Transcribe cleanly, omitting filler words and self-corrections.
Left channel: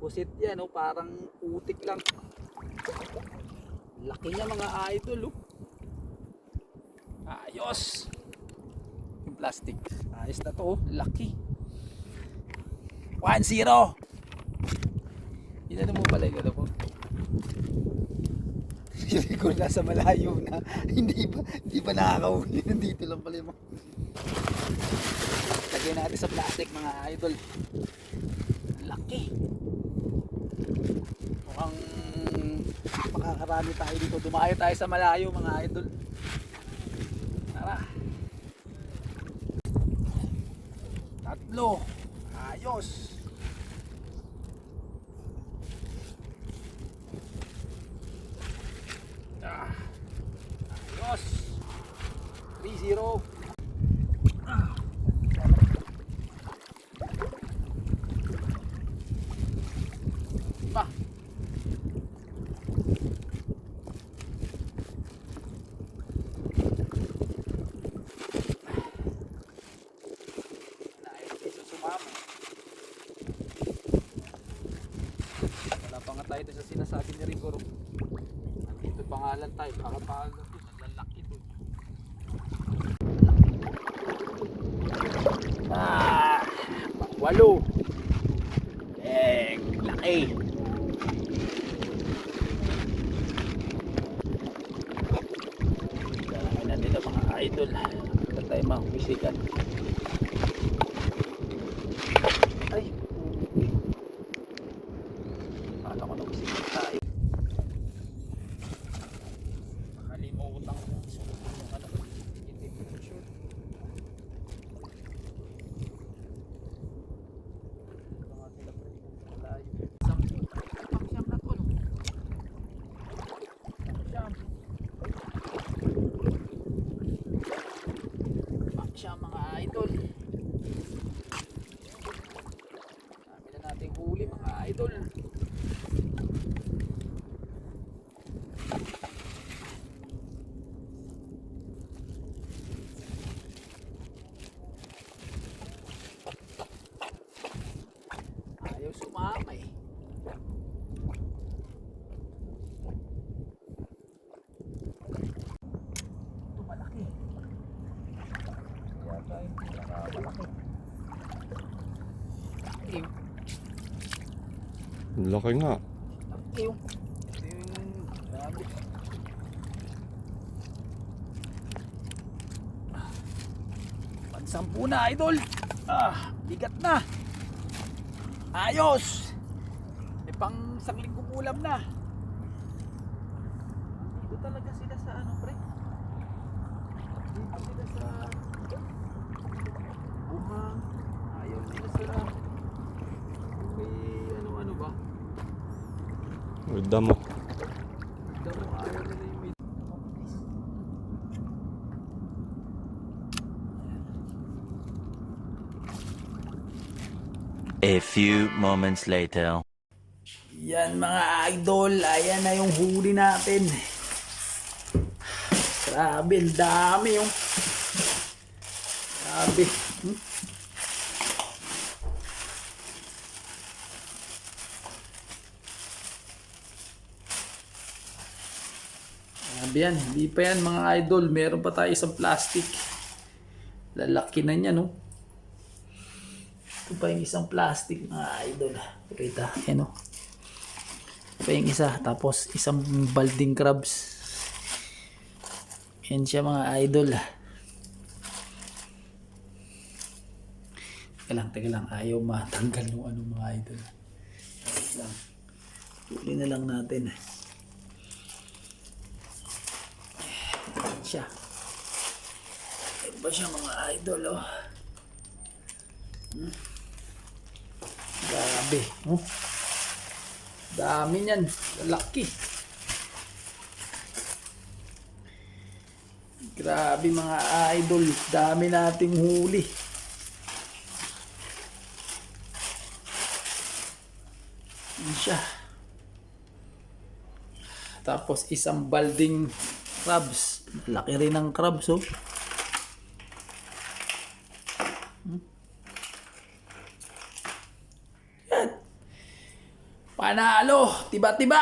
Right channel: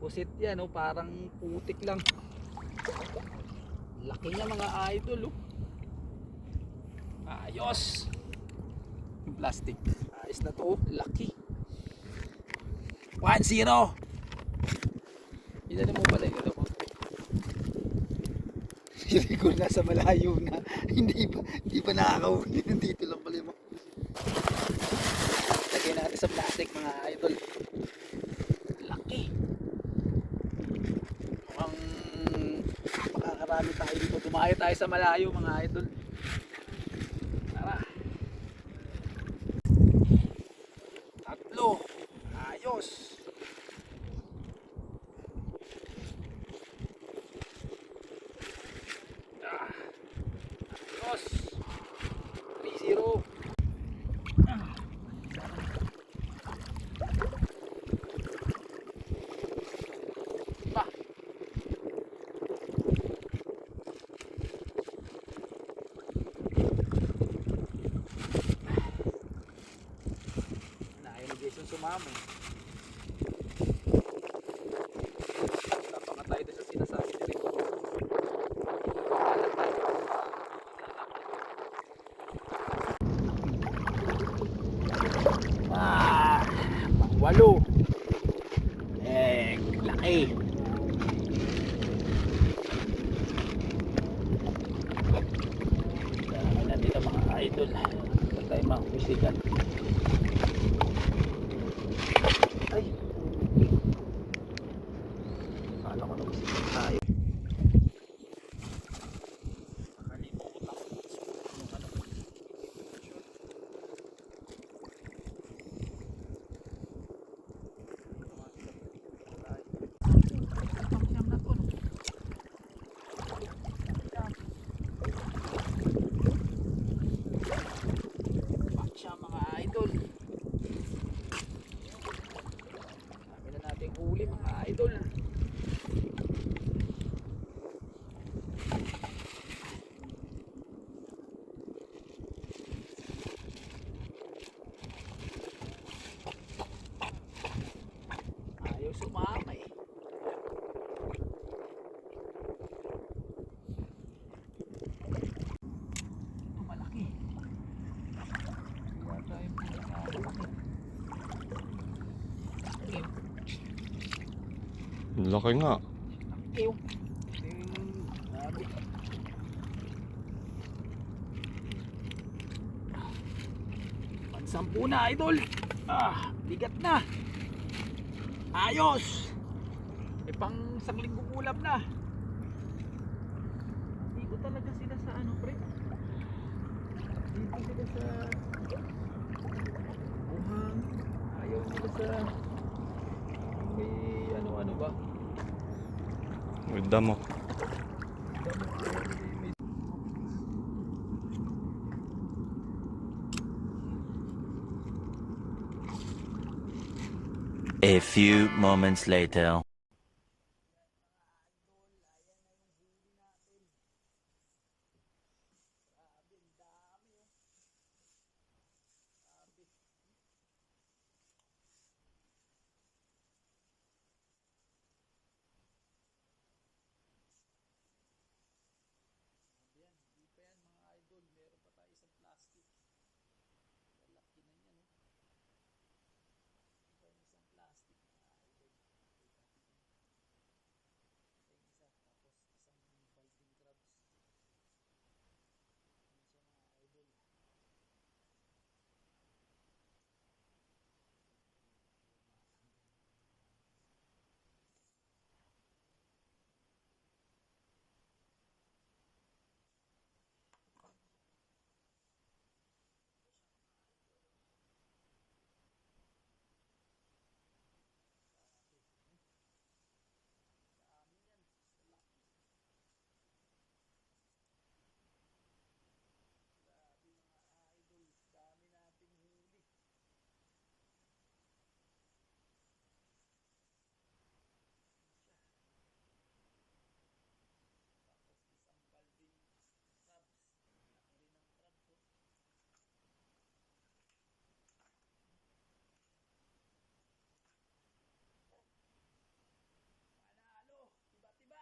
Pusit yan, oh, parang putik lang. Laki niya mga idol, oh. Ayos. Yung plastic. Ayos na to, oh. Laki. 1-0. Inano mo pala yung ano ko. Hindi ko nasa malayo na. Hindi pa nakakahuli. Dito lang pala yung lagyan natin sa plastic mga idol. Laki. Mukhang makakarami tayo dito. Dumaya tayo sa malayo mga idol. Tara. 3. Ayos. Ayos. 3-0. Ba. Ayaw guys ang sumama. Napangat tayo sa sinasabi ni Rico. Pahalan tayo. Pang-8. Laki. Gawin na nila mga idol. Saan tayo mahusikan? Ay, okay. Kala ko nagusikan tayo. Makalimutan ko. Siya mga idol. Sabi na natin huli mga idol. Ayaw sumama eh. Ito malaki. Yata yung pinakamalaki. Laki. Laki nga. Laki yung grabe. Pansampu na idol. Bigat na. Ayos. Pang isang linggo ulam na. Dito talaga sila sa ano pre. Dito sila sa buhang. Ayaw sila sa may ano ba? With damo. Damo ayaw nila yung may A few moments later. yan mga idol, ayan na yung huli natin. Grabe, ang dami yung grabe. Grabe yan, hindi pa yan mga idol, meron pa tayo isang plastic. Lalaki na niya no. Ito pa yung isang plastic mga idol. Kita, yan o. Ito pa yung isa. Tapos isang balding crabs. Yan siya mga idol. Teka lang. Ayaw matanggal yung ano mga idol. Tuli na lang natin. Yan siya. Yan ba siya mga idol oh. Grabe, oh. Dami niyan, laki. Grabe mga idol, dami nating huli. Yan siya. Tapos isang balding crabs. Laki rin ng crabs, oh. Panalo. Tiba-tiba.